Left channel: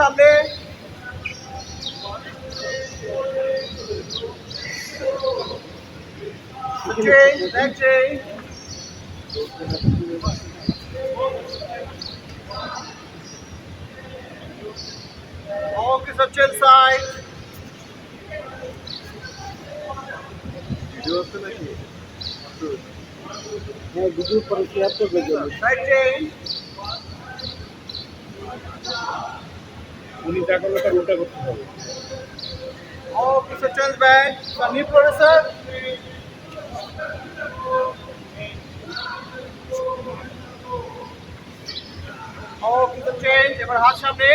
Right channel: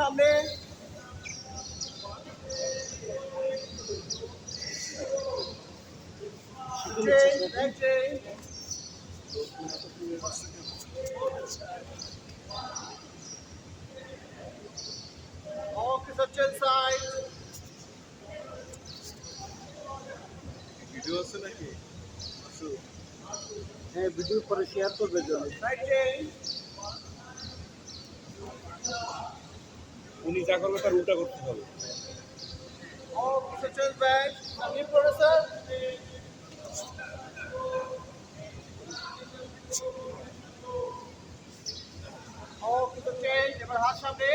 সামনে। Change, back change. Okay, so chill side. হ্যাঁ video পরে শেয়ার করবে জন্য Right change. উনি যা করবে তার উল্টা করতে হবে। Okay, so chill back. So knee producer. Okay, so change. এবার হাত সামনে।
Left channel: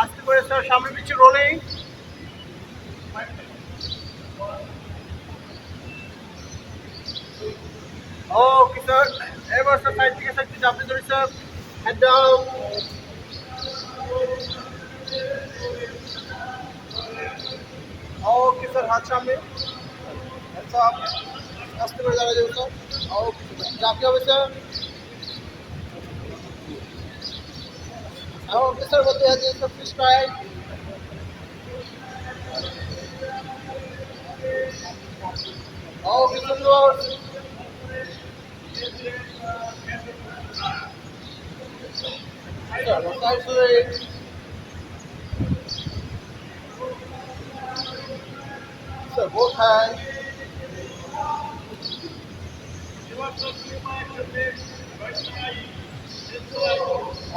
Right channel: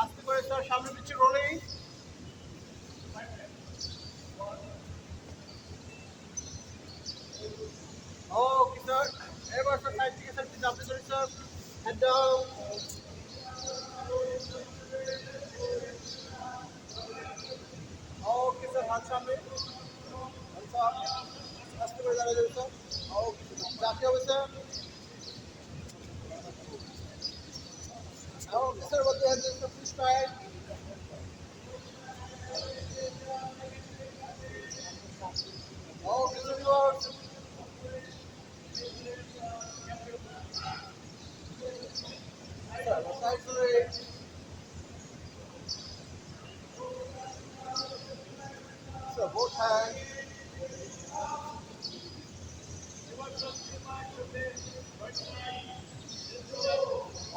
আস্তে করে স্যার সামনে পিছু রোলিং। Okay, sir. এবার স্যার সাইড থেকে সাইড থেকে আপনি ধরে sir. Head down. Okay, sir. হাত সামনে। আচ্ছা, আস্তে করে দাঁড়ায় যাবেন স্যার। Okay, চাপতে হবে স্যার। Okay, sir. বলতে হবে sir fish fry. Okay, sir. Lord. Sir, side swing. Sir, both hands.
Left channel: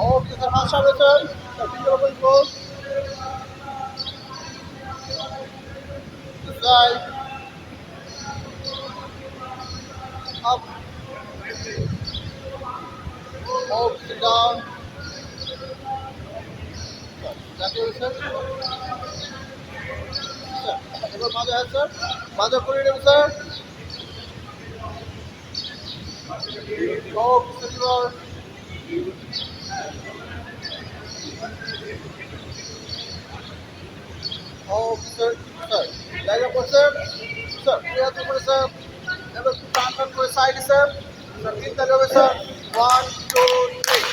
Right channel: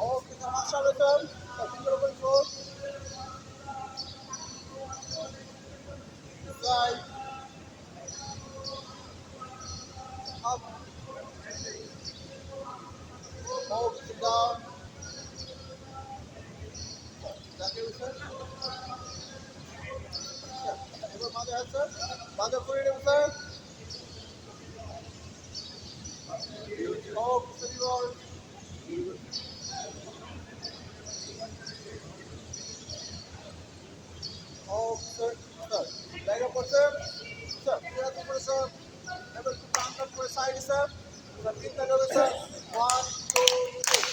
Okay, sir. হাত সামনে sir. Sir, finger open close. Side. Up. Okay, down. Sir, sir. এবার মাজা আছে স্যার। মাজা করে নেবেন sir. Okay, sir. Okay, sir. Sir, জায়গা পড়ছে। স্যার, দুই হাত উপরে স্যার। এবার একটু টান টান করে সাইডে স্যার। স্যার, তিনটা যাবে sir. 1, 2, 3.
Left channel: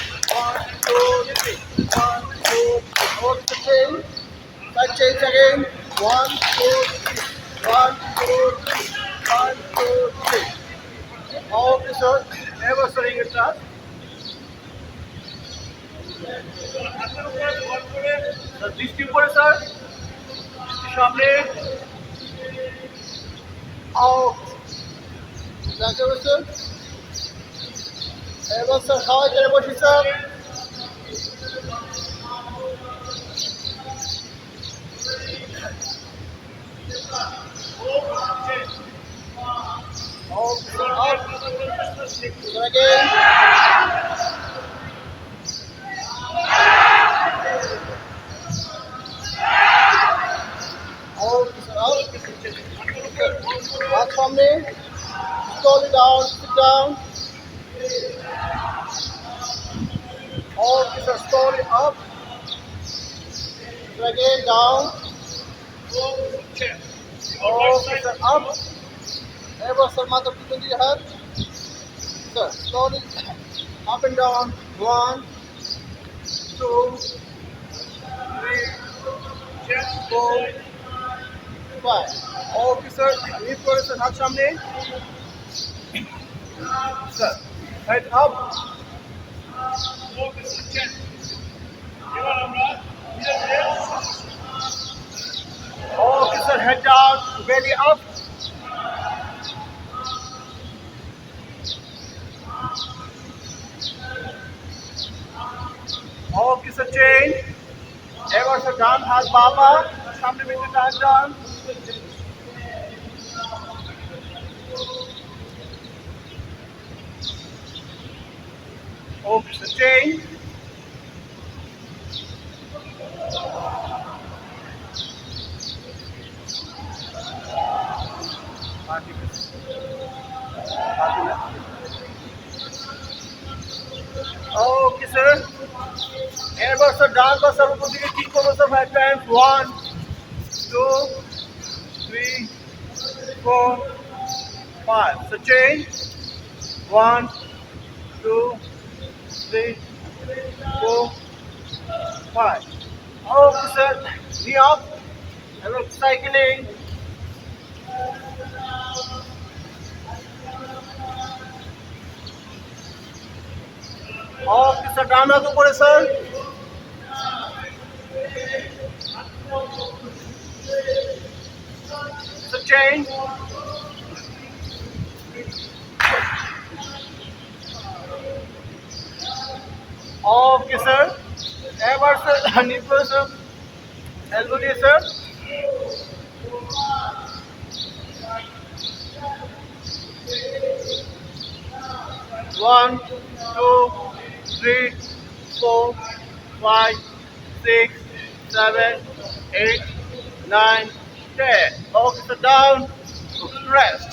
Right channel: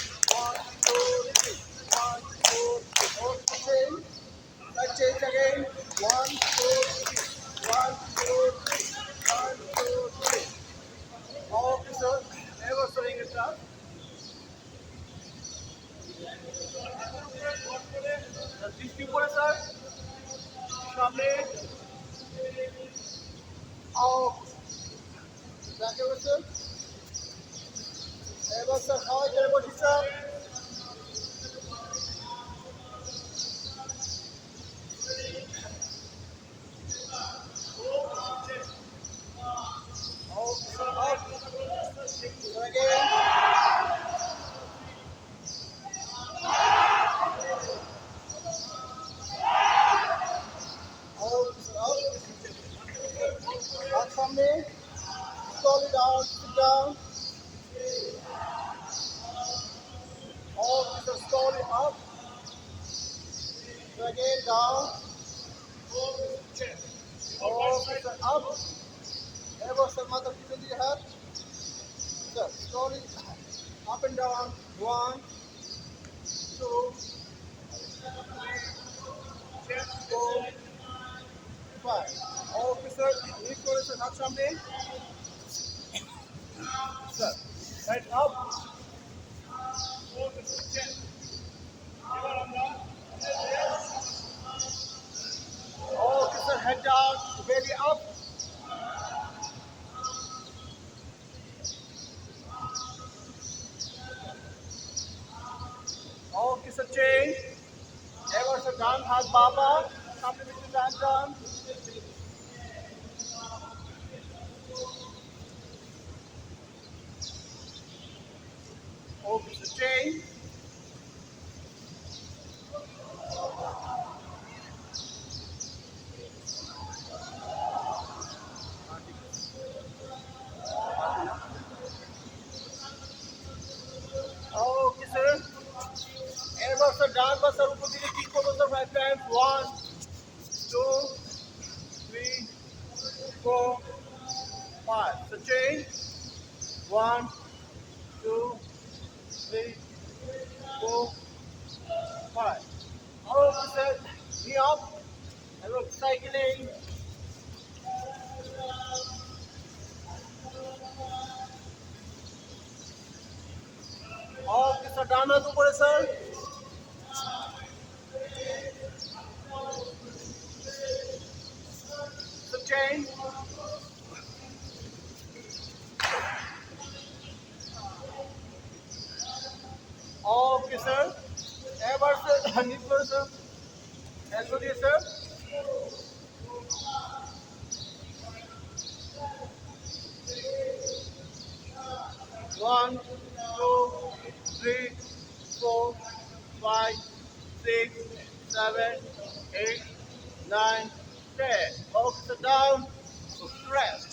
1, 2, 3. 1, 2, 3. Okay, change. Side change again. 1, 2, 3. 1, 2, 3. 1, 2, 3. Okay, sir. এবার স্যার ইংরেজটা। স্যার, দৃষ্টি উপরে স্যার। দৃষ্টি সামনে। Out. দেখা যাবে স্যার। এবার স্যার সবাই করে বসি sir. Okay, sir. Up. Sir, again. Okay, sir. Up. Hath সামনে। Slowly down. Sit down. Okay, sir. Slowly up. Sir, again down. Okay, sir. Up. এবার স্যার মাথা পিছন দিকে হাত। Sir, slowly up and down. 1, 2, 3, 4, 5. Okay, sir. Lift করে sir হাত সামনে। Sir, head up. Okay, sir. Head down. Belly up. Okay, sir. Change. এবার sir ডান হাত বাবা সামনে পিছনে টান ডান। Okay, sir. Change. Okay, sir. এবার স্যার ডান বা স্যার উপর দিকে কিক করবো sir 5 Times. 1, 2, 3, 4, 5. So change. 1, 2, 3, 4, 5. Okay, sir. Knee up. এবং সাইকেলিং। Okay, sir. ডান হাত উপরে, sir. Sir, change. Okay, sir. এবার স্যার নিচে স্যার এলবো দিয়ে sir. One, two, three, four, five, six, seven, eight, nine, 10. Okay, so down, rest.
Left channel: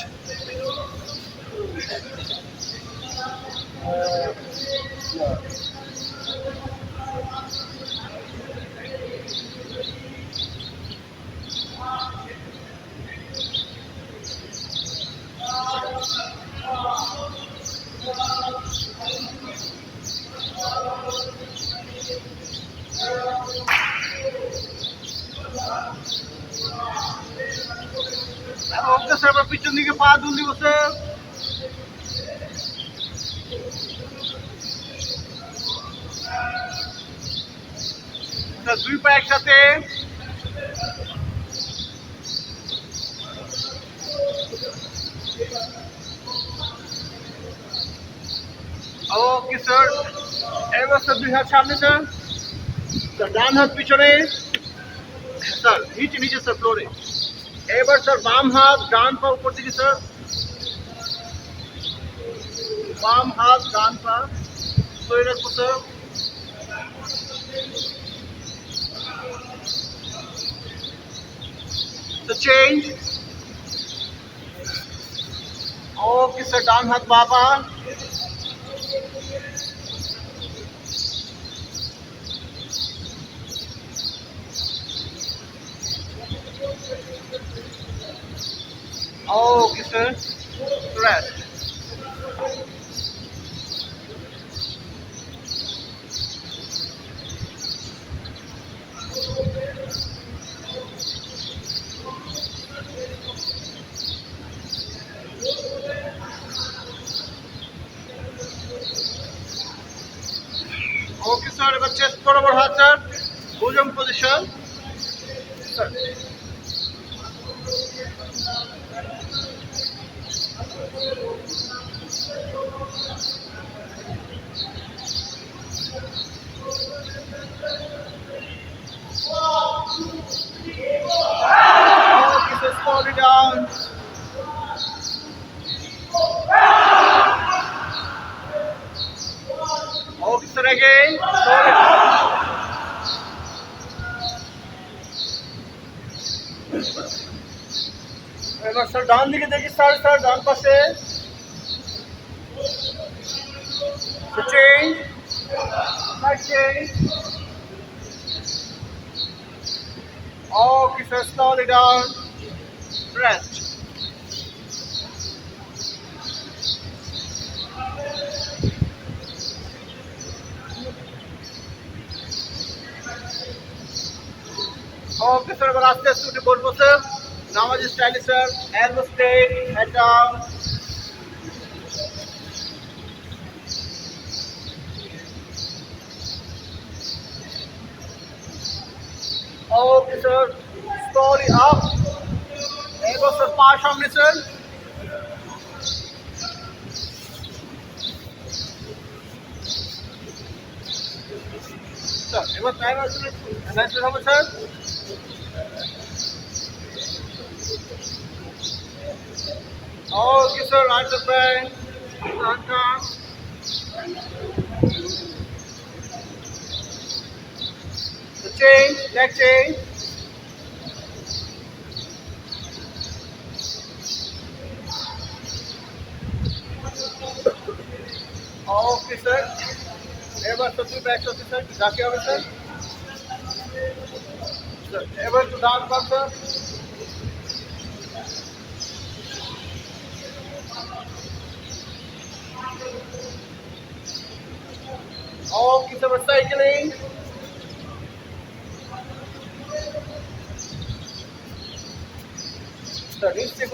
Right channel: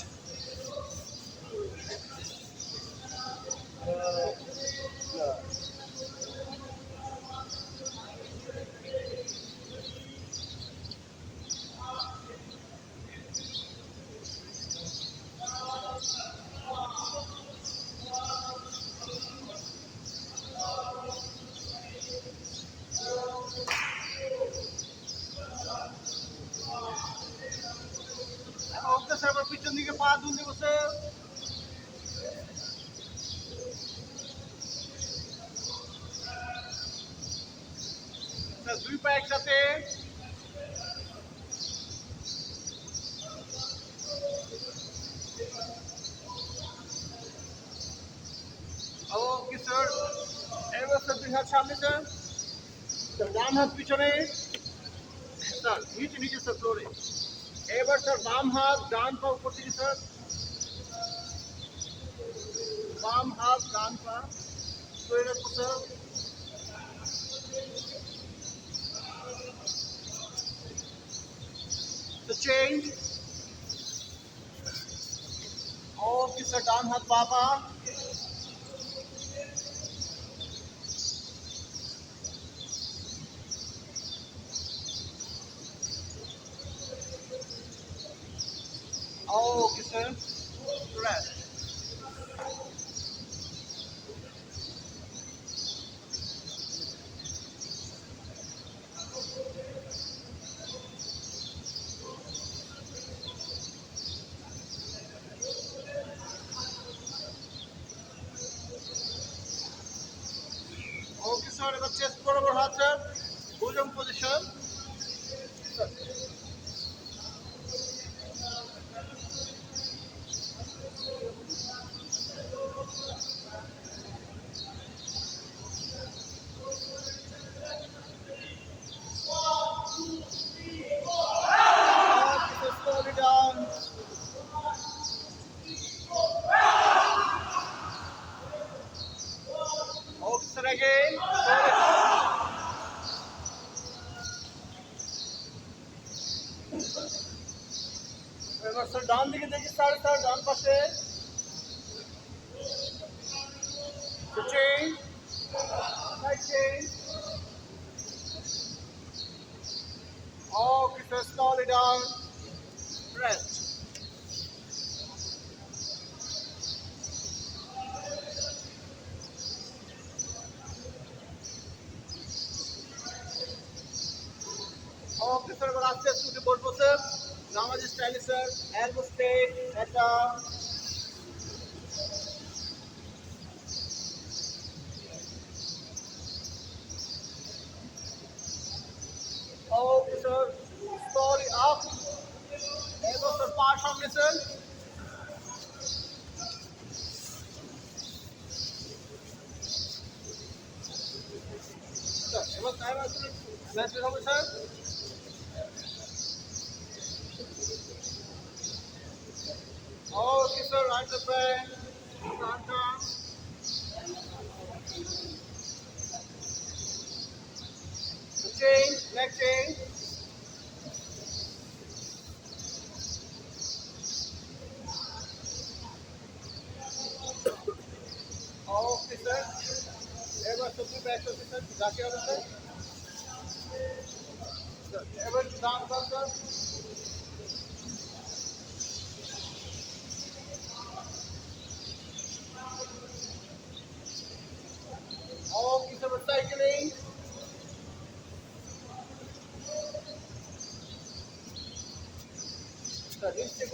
Okay, sir, এবার পিছন দিকে পা দুল দিব স্যার। স্যার দুই পা একসাথে। ওকে স্যার। এবার স্যার দুই হাত সামনে স্যার। স্যার ডান হাত পিছনে। স্যার নিচে নিচে স্যার ফ্লোরে। এবার স্যার বাম হাত ডান পা উপর দিকে স্যার। বাম হাত ডান পা ধরে রাখবো স্যার। তো চেঞ্জ। ওকে স্যার ডান হাত বাঁ পা। Okay sir rest. Okay sir এবার চেস্ট বরাবর হাত sir. Bhujang position sir. Okay sir slowly down. Okay, sir, again. এবার স্যার ডান দিকে দেখি স্যার স্যার ডান পাশে। Change. Change. Okay, sir, slowly down. Rest. Okay, sir, এবার আস্তে আস্তে উঠে বলবো স্যার। নামাজি স্টাইলে sir. Elbow straight, head down. Okay, sir. Slowly up. এবার স্যার পা সামনে স্যার। স্যার এবার টাইম আসলে অ্যানাউন্সমেন্ট হবে sir. Okay, sir, right the bend. Front arm. The change, leg change. Okay, sir. এবার তো দুই ব্যাক আছে স্যার। যাকে হবে স্যার। এবার তো ডান পাম স্যার। Okay, sir, cycling.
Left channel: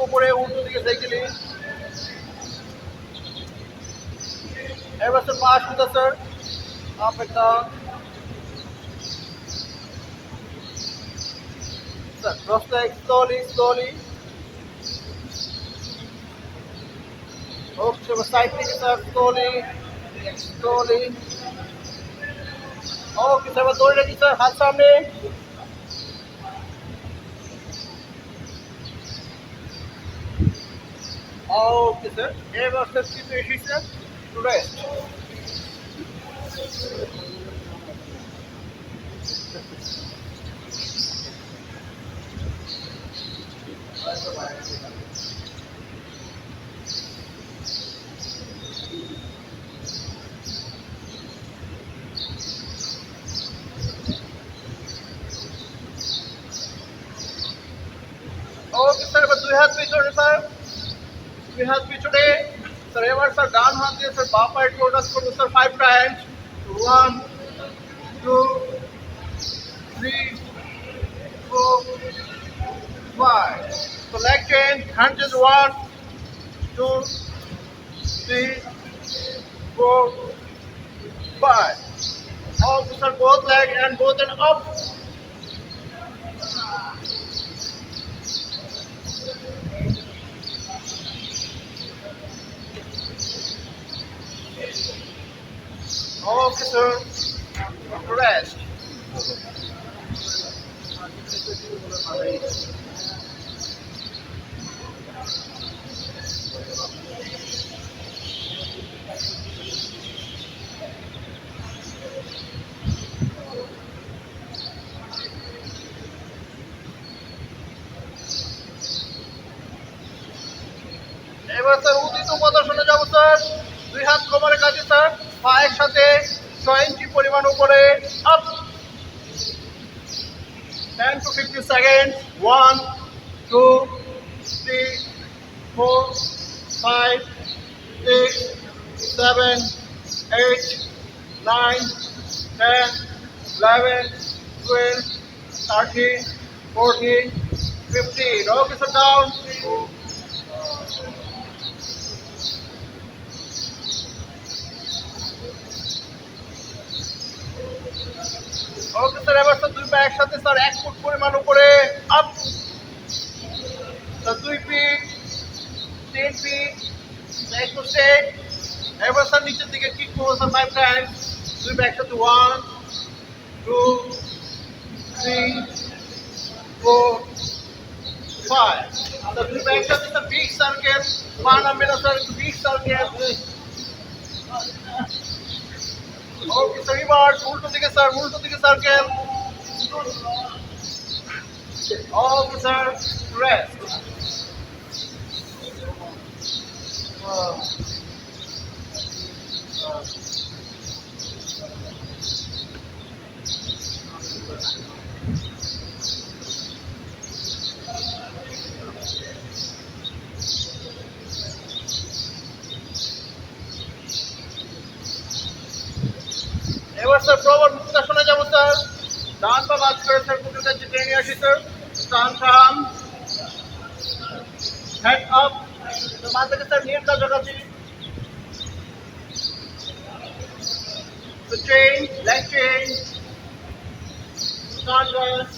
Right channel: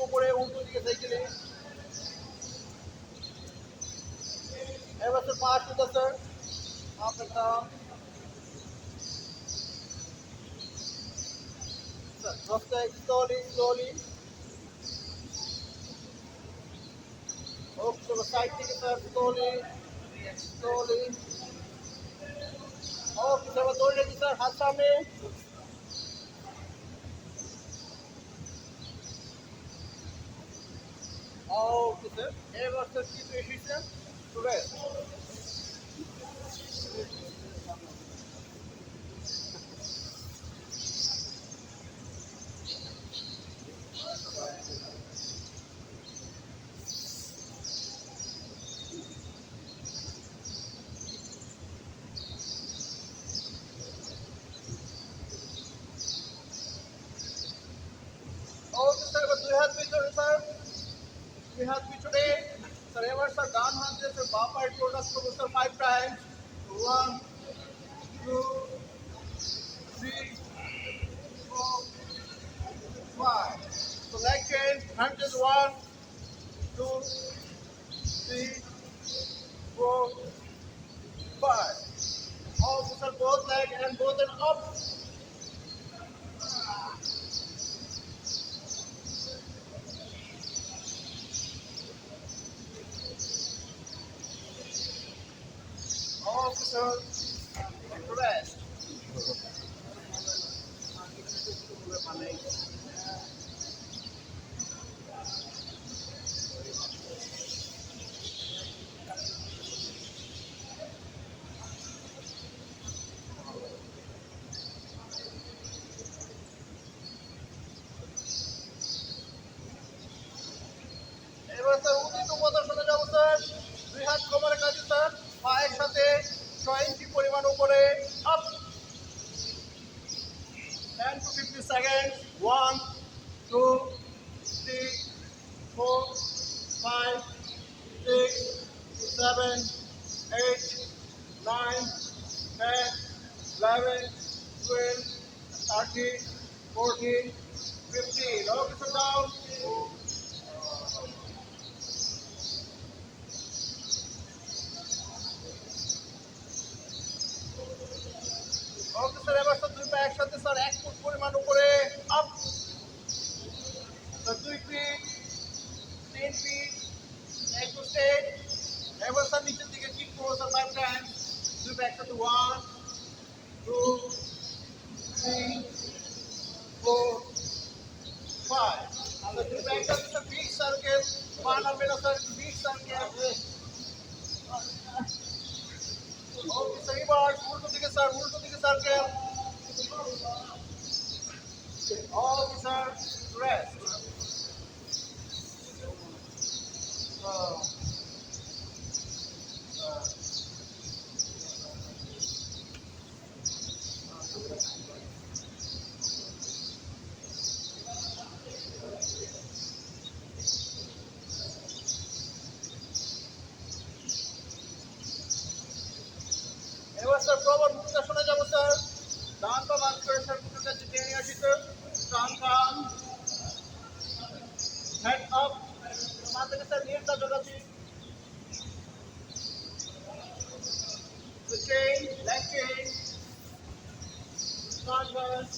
উপরে উল্টো দিকে সাইকেলিং। এবার স্যার পাশ উঠা sir, up and down. Sir cross leg slowly. Okay sir side থেকে স্যার স্লোলি। ওকে স্যার দৌড়ে রাখি স্যার, হাত সামনে। ওকে স্যার, এবার স্যার কিন্তু এসেছে রেস্ট। ওকে স্যার, এবার দুই হাত পিছনে স্যার, দুই হাত পিছনে। স্যার এবার স্যার ডান হাত দিয়ে স্যার বাঁ পায়ে টোটাস করবো sir 5 Times. 1 2 3 4 5। So leg change, hand is 1 2 3 4 5. Also sir, both leg and both and up. Okay sir, rest. এবার স্যার উদিত পদাসনে যাবো স্যার, দুই হাত কোমরে কাছে স্যার, পায়ের সাথে 6 ইঞ্চি পরিমাণ উপরে, up. 10 to 15 seconds. 1 2 3 4 5 6 7 8 9 10 11 12 13 14 15. Okay sir, down. Okay sir, এবার স্যার দুই পা একসাথে স্যার 1 ফুট পরিমাণ উপরে, up. Sir 2 feet 3 feet back to state. এবার স্যার নিচের দিকে কিক করবো স্যার 5 টাইমস। দুই পা একসাথে 1 2 3 4 5। স্যার দুই পা একসাথে স্যার বিগ সার্কেল, পা নামবে না স্যার, বিগ সার্কেল। ওকে স্যার, এবার উল্টো দিকে স্যার, সার্কেল। ওকে স্যার, রেস্ট। এবার স্যার প্রবল মুক্তাসনে যাবো স্যার, ডান পা বাদ করে স্যার কুকুর কাছে টেনে আসি স্যার, টান টান, হেড আপ। মাথা থেকে স্যার নিয়ে কাছাকাছি। So change, leg change, stand rest,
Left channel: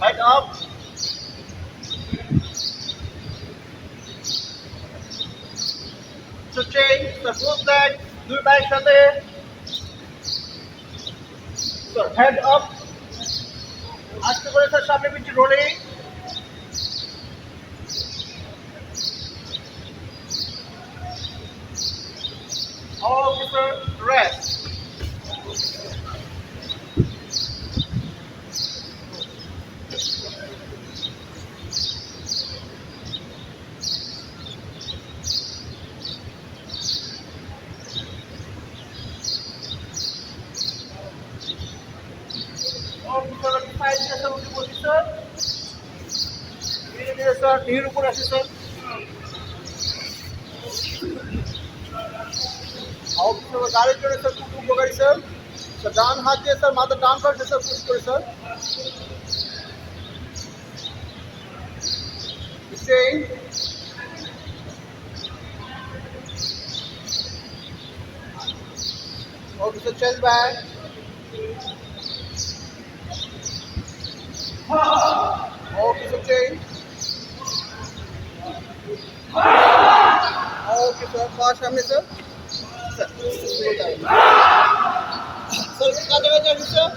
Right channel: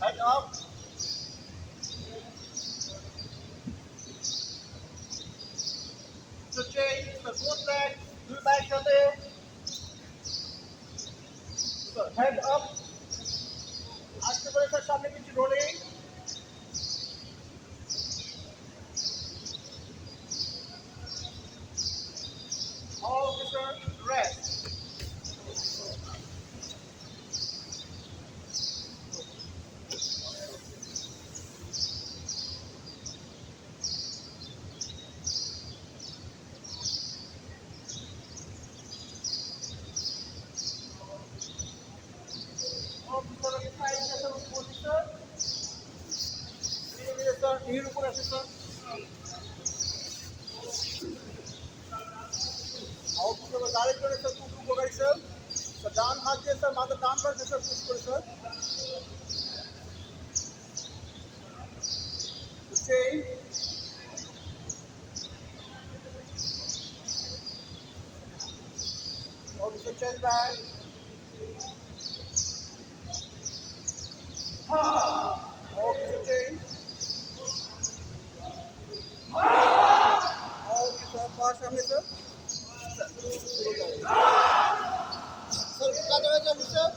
head up. So change, the both leg, দুই পায়ের সাথে। So head up, আস্তে করে স্যার সামনে পিছনে রোলিং। Okay sir, rest. নীর উপর আসে স্যার, গাড়ির জন্য স্যার খুব উপকারী স্যার। ডান হাত দিয়ে স্যার মাথা ডান পাশে স্যার পুশ করে sir, chain. Okay, sir, change back. Okay, sir, change. Okay, sir, pass सामने sir. Sir, slow down. Sir, कितना जगह चाहिए sir?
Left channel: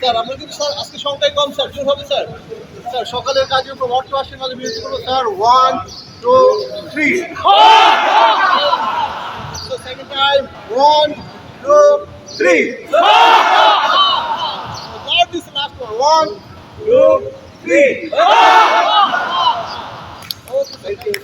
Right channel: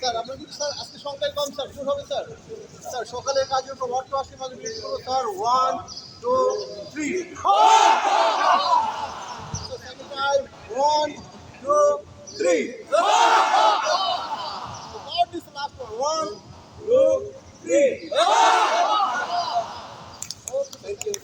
স্যার আমরা কিন্তু স্যার আজকে সংখ্যায় কম স্যার জোর হবে স্যার স্যার সকালের কাজের উপর অর্থ আসে কাজে বিরতি করবো sir 1 2 3 So second time 1 2 3 Now this last one 1 2 3 Okay, thank you.